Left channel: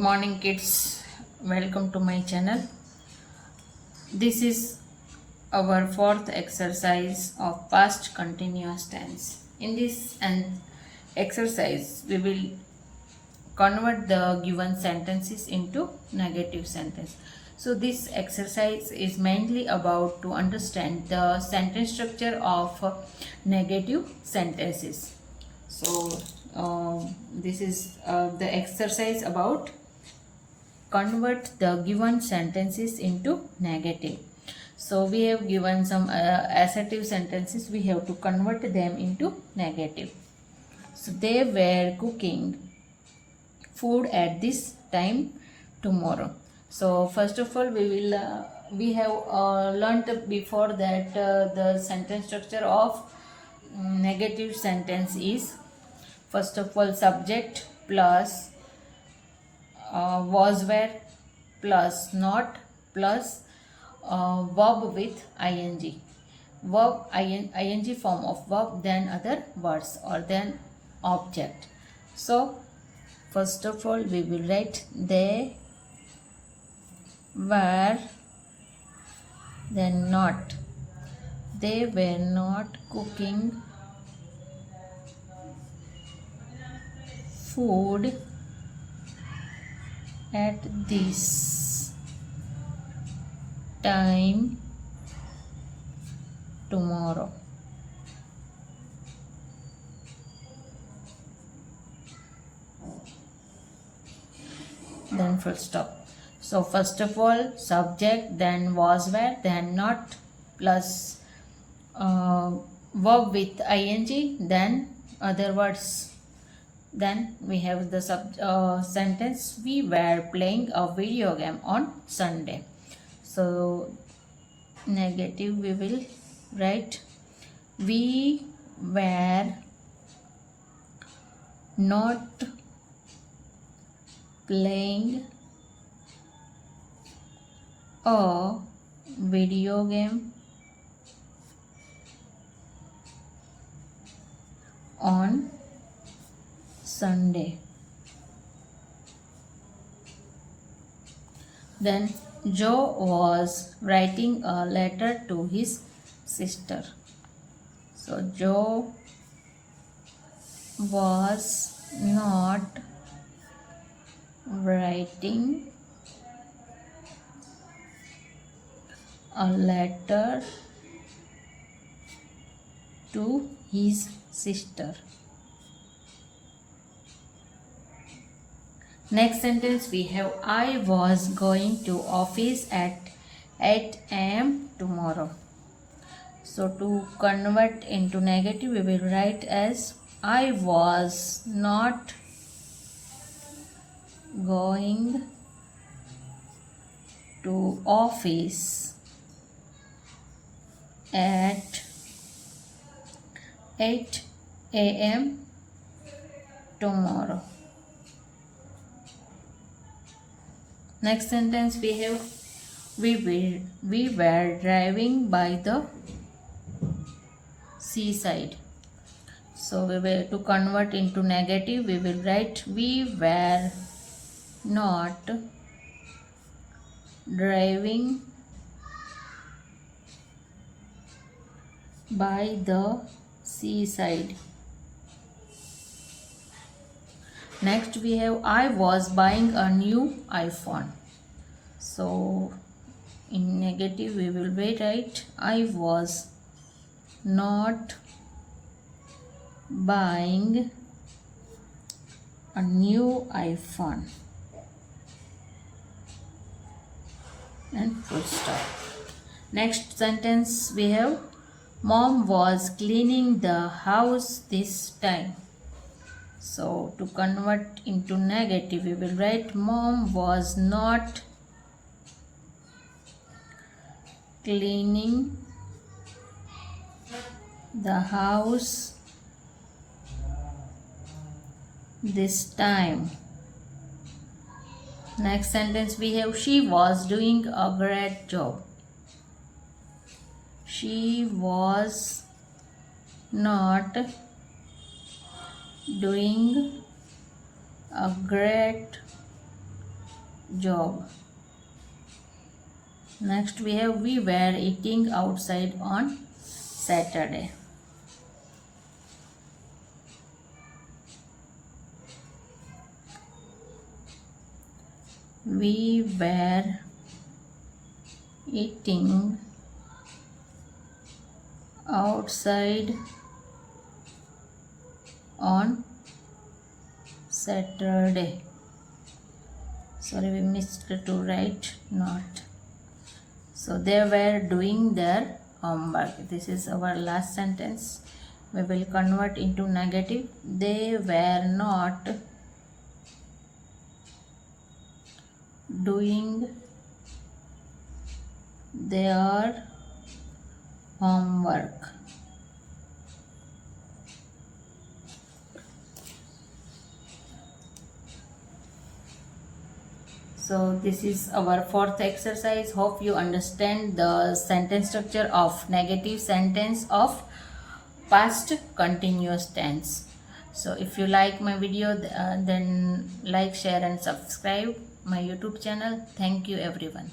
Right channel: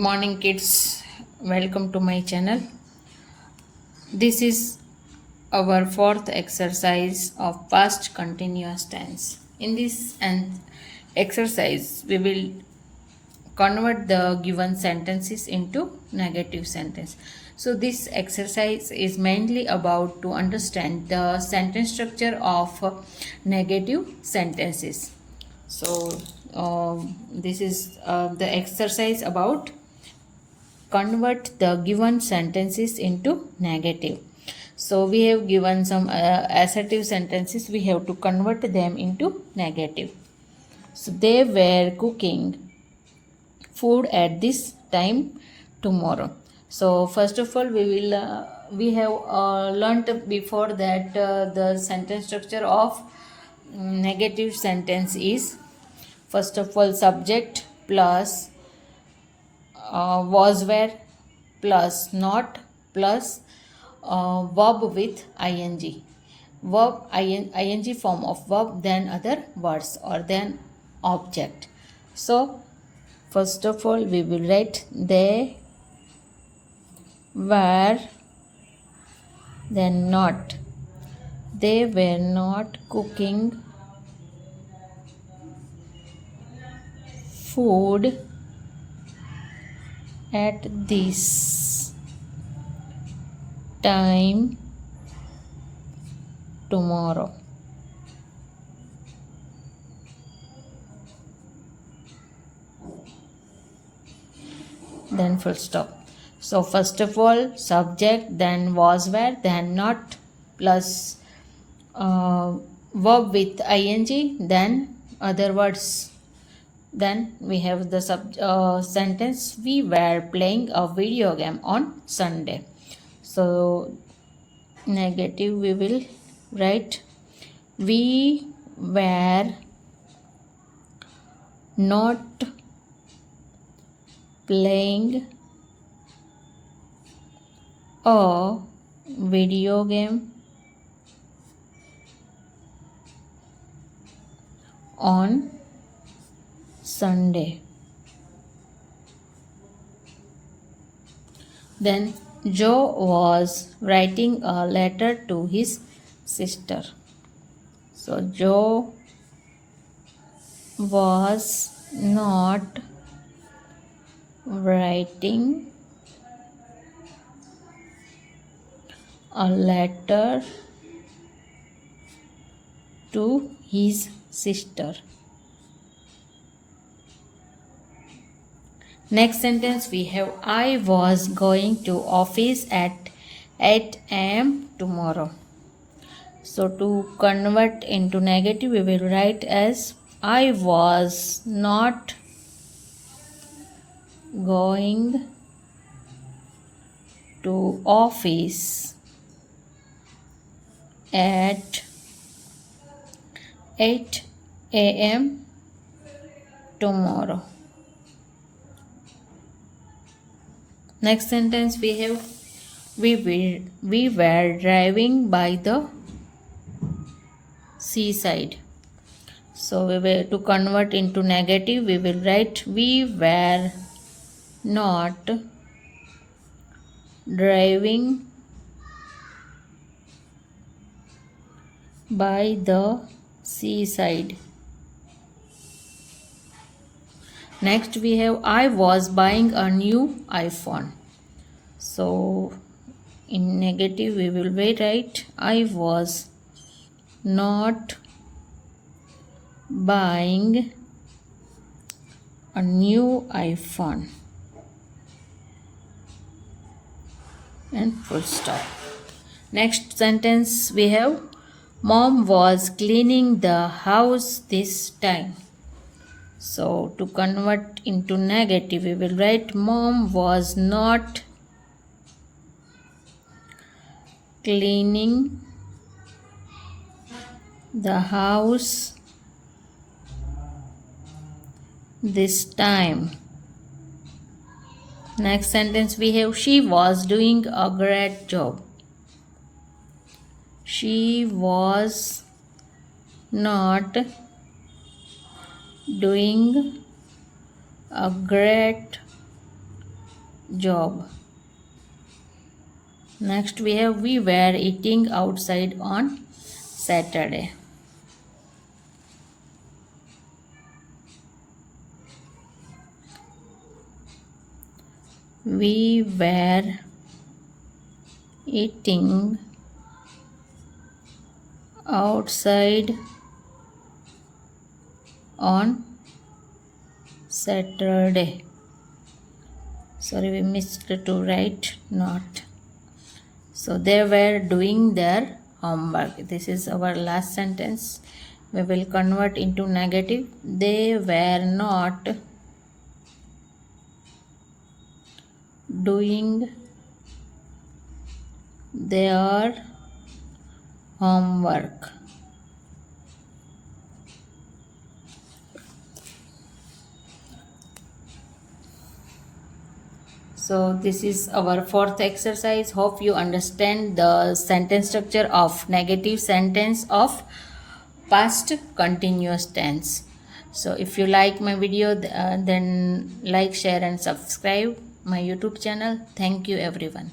morning, kids. Welcome to my channel. This is our fourth exercise of past continuous tense. In this exercise, we will convert the given sentences into negative sentence. So this exercise is mainly about to understand the sentence structure of negative sentences. So this is the exercise about convert the given sentences into negative. So we have given some assertive sentences, we have to convert them into negative. So they were cooking food at this time tomorrow. So first of all we have learnt before that the sentence structure of negative sentence is first of all subject plus was were plus not plus verb with ing, ing form of verb, then other words or then object. So first of all we will write they were, then not, they were not cooking food at this time tomorrow. Then full stop. So first of all subject, then was were, then not plus verb with ing, then other words. Then we have the sentence we were playing a video game on Sunday. So negative we will write we were not playing a video game on Sunday. Then Joe was writing a letter to his sister. So Joe was not writing a letter to his sister. Next sentence we have I was going to office at 8 am tomorrow. So to convert into negative we will write as I was not going to office at 8 am tomorrow. Next sentence we have we were driving by the seaside. So we will to convert into negative we will write we were not driving by the seaside. Next we have I was buying a new iPhone. So in negative we will write I was not buying a new iPhone and full stop. Next sentence we have Mom was cleaning the house this time. So to convert into negative we will write Mom was not cleaning the house this time. Next sentence we have she was doing a great job. She was not doing a great job. Next we have we were eating outside on Saturday. We were eating outside on Saturday. Sorry, we missed to write not. So they were doing their homework. This is our last sentence. We will convert into negative. They were not doing their homework. So this is our fourth exercise. Hope you understand the sentence structure of negative sentence of past continuous tense. So if you like my video, then like, share and subscribe my YouTube channel. Thank you everyone.